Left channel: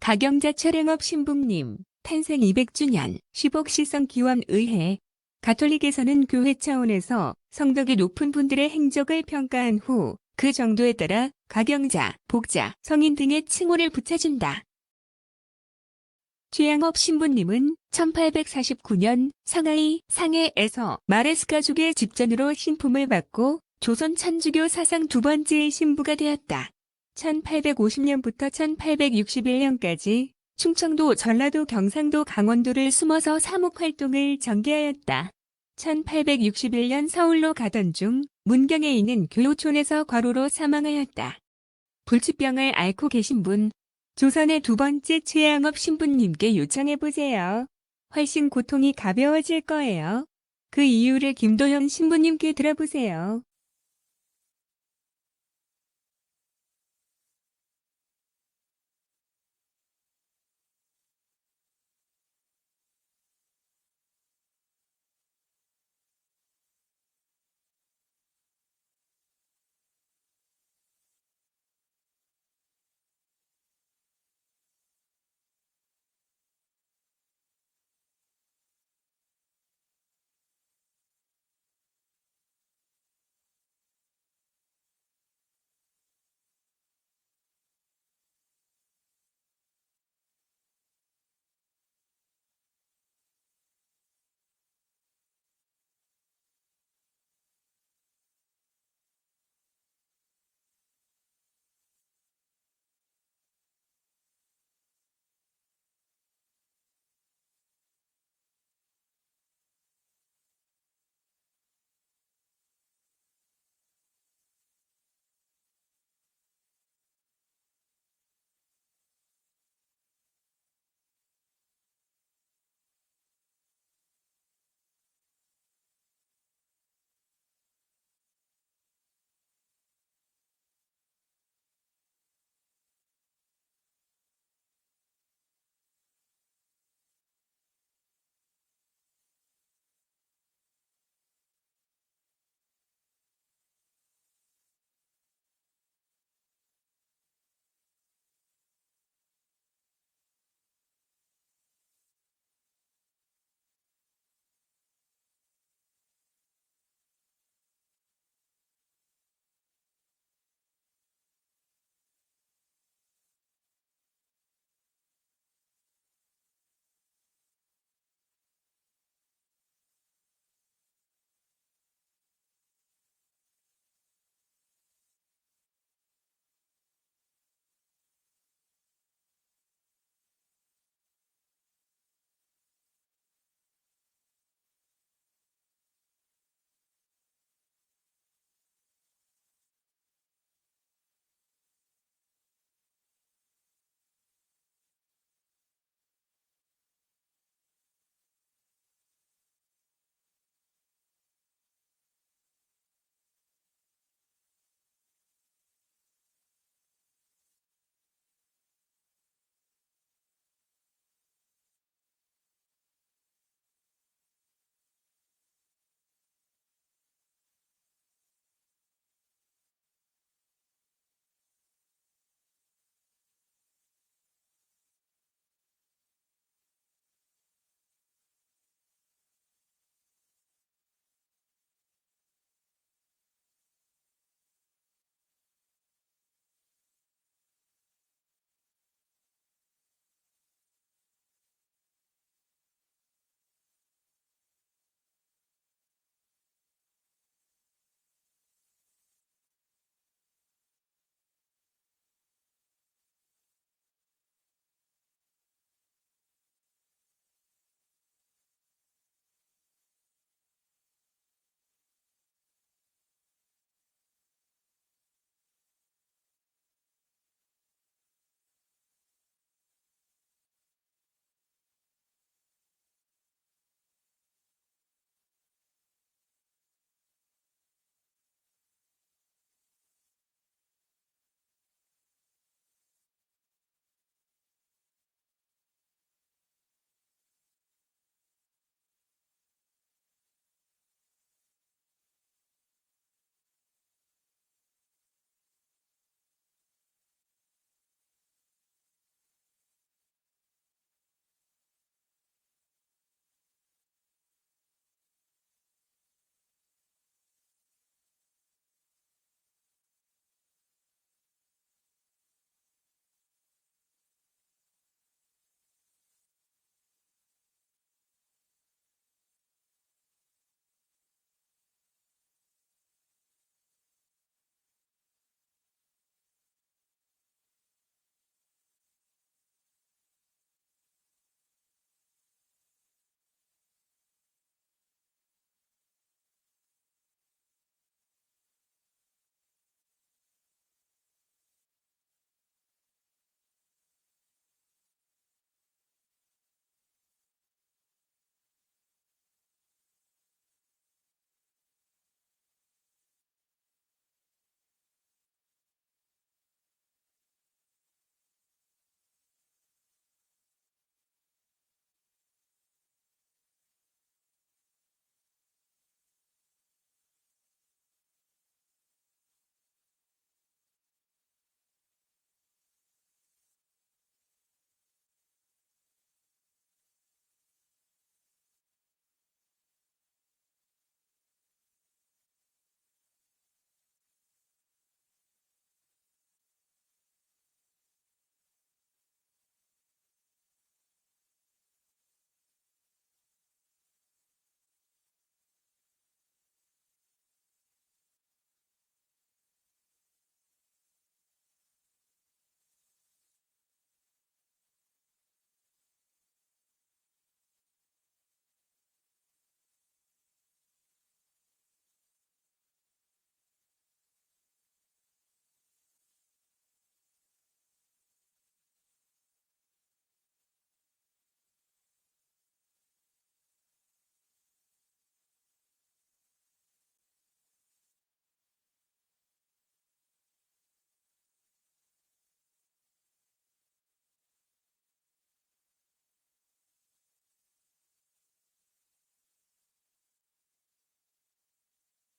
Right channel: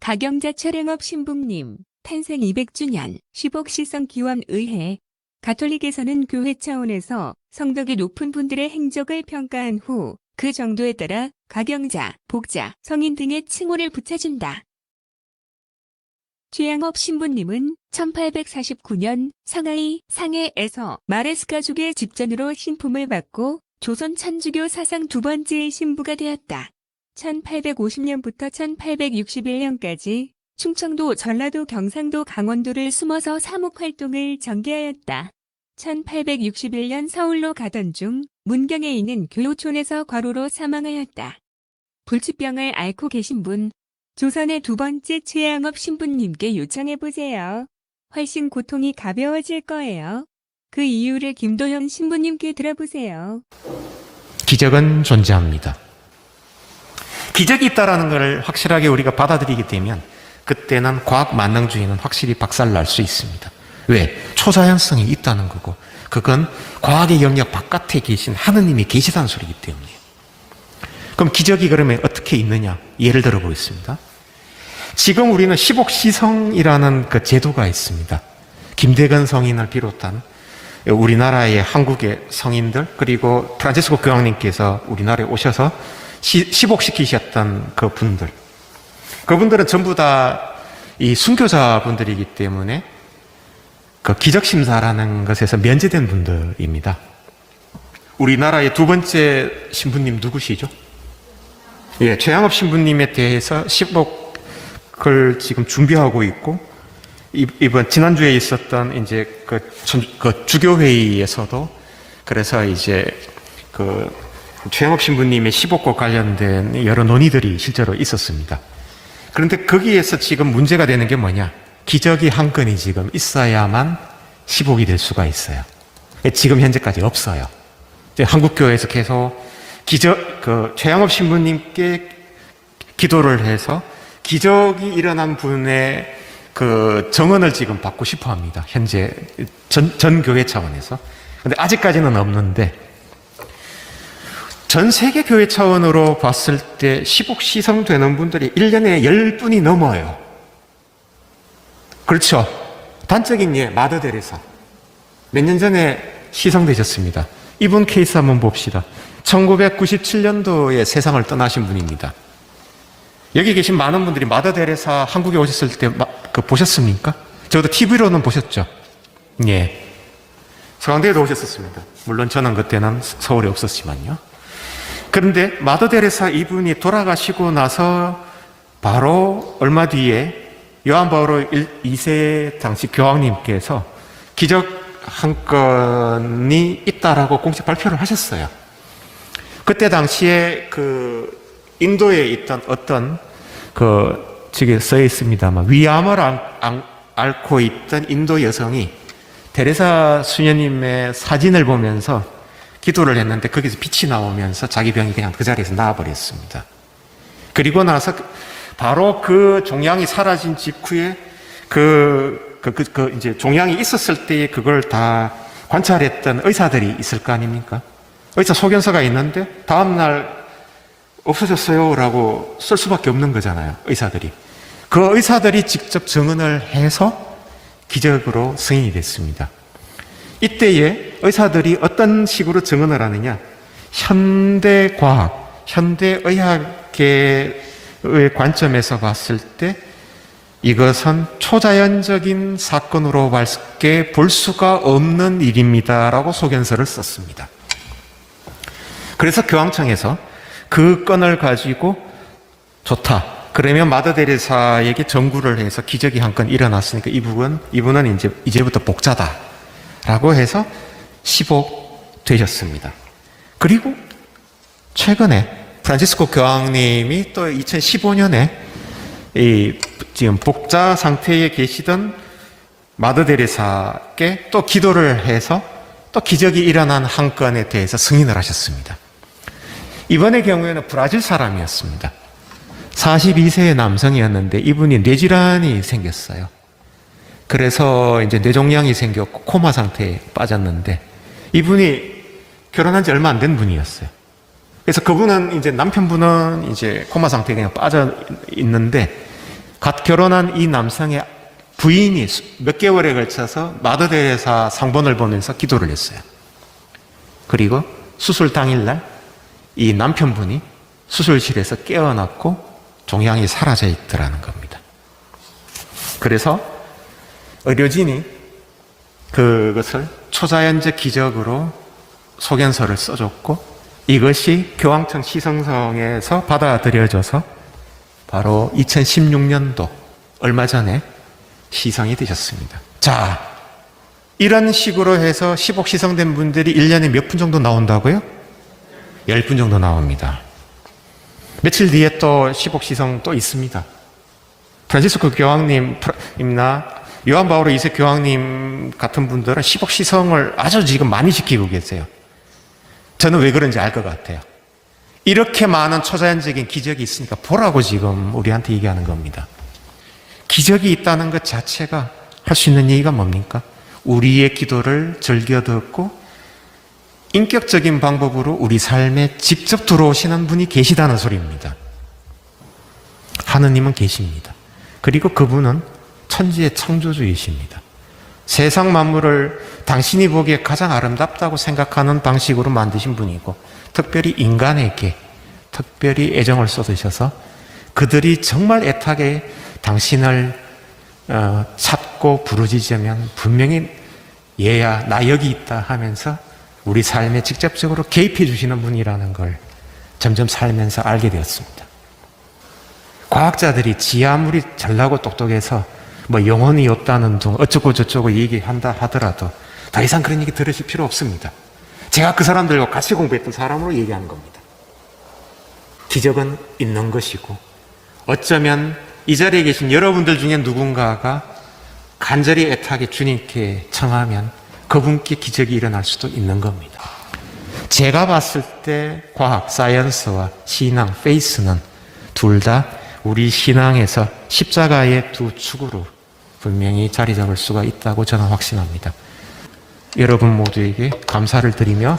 가경자 최랭업 신부님 탄생 200주년 10억 시성 기원 의해 가톨릭에서는 교회 차원에서 성덕이 높은 분들의 행적을 평가한 후 그 정도에 따라 가경자, 복자, 성인 등의 칭호를 붙여준다. 최양업 신부님은 1849년 상하이 상해에서 마레스 가족의 집전으로 신품을 받고 조선 천주교 사상 두 번째의 신부가 되었다. 1850년부터 1861년까지 충청도, 전라도, 경상도, 강원도를 숨어서 사목활동을 전개하였다. 1861년 서울로 가던 중 문경에 있는 교요촌에서 과로로 사망하였다. 불치병을 앓고 계신 분, 조선의 두 번째 최양업 신부님께 요청해보세요. 훨씬 고통이 가벼워질 거예요. 그 이유를 김도현 신부님께 들어보세요. 기적은 존재합니다. 기적이 있다는 것을 확실하게 우리가 받아들이게 되면 그때는 과학 만능주의는 확실히 박살날 수 있습니다. 왜? 초자연성이 있다는 거고 그건 과학의 영역 바깥에 계신 하느님이 계시다는 소리이기 때문이에요. 그럼 기적이 그러면 어떻게 있느냐? 예를 들어 보겠습니다. 지금 우리는 시복시성이라는 그 제도가 있습니다. 김대건 성인을 비롯한 우리나라의 한국의 성인들 그리고 프란치스코 교황님께서 우리나라에 오셔서 시복시키셨던 그 분들, 그분들은 전부 다 이 순교자분들이기 때문에 그 기적심사라는 것에서 면제된 분들입니다. 우리나라의 두 번째 신부님 누구시죠? 예, 최양업 신부님에 대해서 시복을 지금 준비하고 있고 이번 지난주에 있었던 이제 그 주교회의에서도 그래서 이제 그 최양업 신부님의 시복과 관련된 여러 논의들이 실제로 있었습니다. 그런데 거기에서 지금 문제가 되는 게 뭐냐? 기적이 한 건이 지금 있어야만 시복이 될 수가 있어요. 지금 현재까지 없어요. 한국교회에서 계속 최양업 신부님께 기도를 해서 기적이 일어난 분의 그 정언을 지금 받고 싶어 합니다. 현재 전 교회 차원에서. 근데 아직까지는 없는데, 전 세계 교회 차원으로 봤을 때 시복시성 되는 분들이 1년에 10분이 넘어요. 그렇죠. 단적인 예, 마더 데레사. 몇 년 전에 시성되셨습니다. 이분 케이스 한번 봅시다. 1997년도에 세상을 떠나신 분입니다. 여기 계신 많은 분들이 마더 데레사 한국에 오셨을 때 보셨습니까? 저도 TV로는 보셨죠? 예. 서강대에도 오셨었습니다. 물론 저는 그때는 서울에 없었지만요. 그런데 마더 데레사 이분이 돌아가시고 나서 바로 얼마 뒤에 요한 바오로 2세 당시 교황님께서 기적 한 건이 있다라고 공식 발표를 하셨어요. 그때 당시에 그 인도에 있던 어떤 저기 써 있습니다만 위암을 앓고 있던 인도 여성이 데레사 수녀님의 사진을 보면서 기도를 했는데 거기서 빛이 나오면서 자기 병이 그냥 그 자리에서 나아버렸습니다. 그리고 나서 바로 그 종양이 사라진 직후에 이제 종양이 있었을 때에 그걸 다 관찰했던 의사들이 있을 거 아닙니까? 의사 소견서가 있는데 다음날 없어졌어요 라고 쓸 수밖에 없는 거잖아요. 의사들이. 그 의사들이 직접 증언을 해서 기적으로 승인이 됐습니다. 이때에 의사들이 어떤 식으로 증언을 하느냐? 현대과학, 현대의학계의 관점에서 봤을 때 이것은 초자연적인 사건으로밖에 볼 수가 없는 일입니다라고 소견서를 썼습니다. 그래서 교황청에서 그 건을 가지고 좋다. 그러면 마더 데레사에게 전구를 해서 기적이 한 건 일어났으니까 이분은 이제부터 복자다. 라고 해서 시복 되셨습니다. 그리고 최근에 프란치스코 교황님이 또 2015년에 지금 복자 상태에 계시던 마더 데레사께 또 기도를 해서 또 기적이 일어난 한 건에 대해서 승인을 하셨습니다. 이번의 경우에는 브라질 사람이었습니다. 42세의 남성이었는데 이분이 뇌질환이 생겼어요. 그래서 이제 뇌종양이 생겼고 코마 상태에 빠졌는데 이분이 결혼한 지 얼마 안 된 분이었어요. 그래서 그분은 이제 남편분은 이제 코마 상태에 그냥 빠져 있는데 갓 결혼한 이 남성의 부인이 몇 개월에 걸쳐서 마더 데레사 상본을 보면서 기도를 했어요. 그리고 수술 당일날 이 남편분이 수술실에서 깨어났고 종양이 사라져 있더라는 겁니다. 그래서 의료진이 그것을 초자연적 기적으로 소견서를 써줬고 이것이 교황청 시성성에서 받아들여져서 바로 2016년도 얼마 전에 시성이 되셨습니다. 자, 이런 식으로 해서 10억 시성된 분들이 1년에 몇 분 정도 나온다고요? 10분 정도 나옵니다. 며칠 뒤에 또 10억 시성 또 있습니다. 프란시스코 교황님이나 요한 바오로 2세 교황님 같은 분들은 10억 시성을 아주 지금 많이 지키고 계세요. 저는 왜 그런지 알 것 같아요. 이렇게 많은 초자연적인 기적이 있으니까 보라고 지금 우리한테 얘기하는 겁니다. 기적이 있다는 것 자체가 할 수 있는 얘기가 뭡니까? 우리의 기도를 즐겨 듣고 인격적인 방법으로 우리 삶에 직접 들어오시는 분이 계시다는 소리입니다. 하느님은 계십니다. 그리고 그분은 천지의 창조주이십니다. 세상 만물을 당신이 보기에 가장 아름답다고 생각하는 방식으로 만드신 분이고 특별히 인간에게 특별히 애정을 쏟으셔서 그들이 정말 애타게 당신을 찾고 부르짖으면 분명히 얘야 나 여기 있다 하면서 우리 삶에 직접적으로 개입해 주시는 분이라는 걸 점점 살면서 알게 되었습니다. 과학자들이 지 아무리 잘나고 똑똑해서 뭐 영혼이 없다는 둥 어쩌고 저쩌고 얘기한다 하더라도 더 이상 그런 얘기 들으실 필요 없습니다. 제가 그 사람들과 같이 공부했던 사람으로 얘기하는 겁니다. 기적은 있는 것이고 어쩌면 이 자리에 계신 여러분들 중에 누군가가 간절히 애타게 주님께 청하면 그분께 기적이 일어날 수도 있는 겁니다. 제가 봤을 때 과학, 사이언스와 신앙, 페이스는 둘 다 우리 신앙에서 십자가의 두 축으로 분명히 자리 잡을 수가 있다고 저는 확신합니다. 여러분 모두에게 감사를 드리며